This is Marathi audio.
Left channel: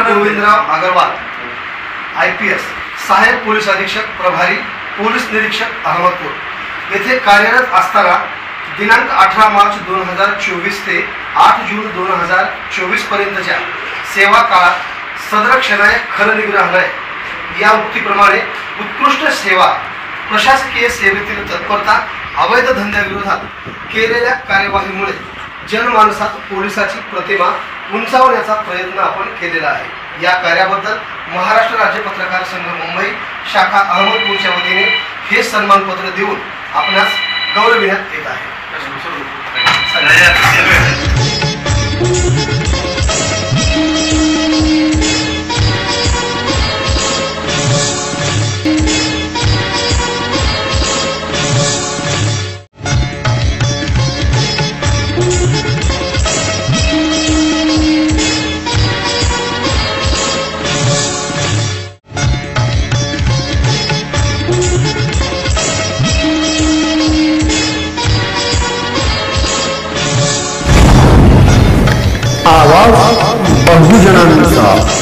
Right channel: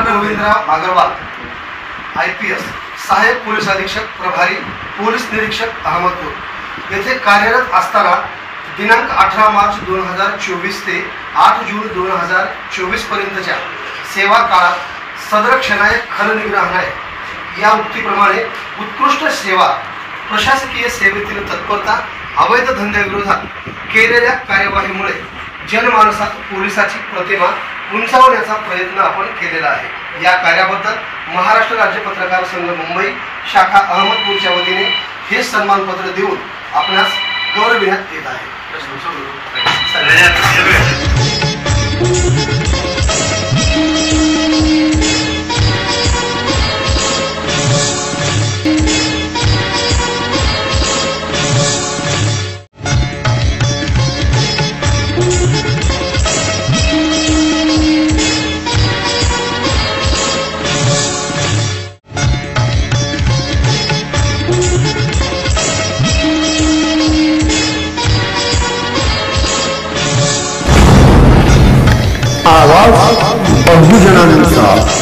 गोविंदराव अग्रवाल IPS सहाय्यक पोलीस अधीक्षक प्रभारी पोलीस निरीक्षक अहमदपूर येथे कार्यरत असताना दिनांक 18 मार्च 2024 ते 8 जून 2024 पर्यंतच्या सेवा काळात सदर क्षणाय खलनिग्रहालय या उक्तीप्रमाणे उत्कृष्ट सेवा प्रशासकीय सेवेतील तत्परता अवैध धंद्याविरोधात केलेल्या कार्यवाहीमुळे जनमानसात पोलिसाची प्रतिमा उंचावण्याचा प्रयत्न आपण केलेला आहे। या कार्याबद्दल महाराष्ट्र राज्य पत्रकार संघ मुंबई शाखा अहमदपूरच्या वतीने हे सन्मानपत्र देऊन आपणास गौरविण्यात येत आहे। आवाज बहुजनांचा।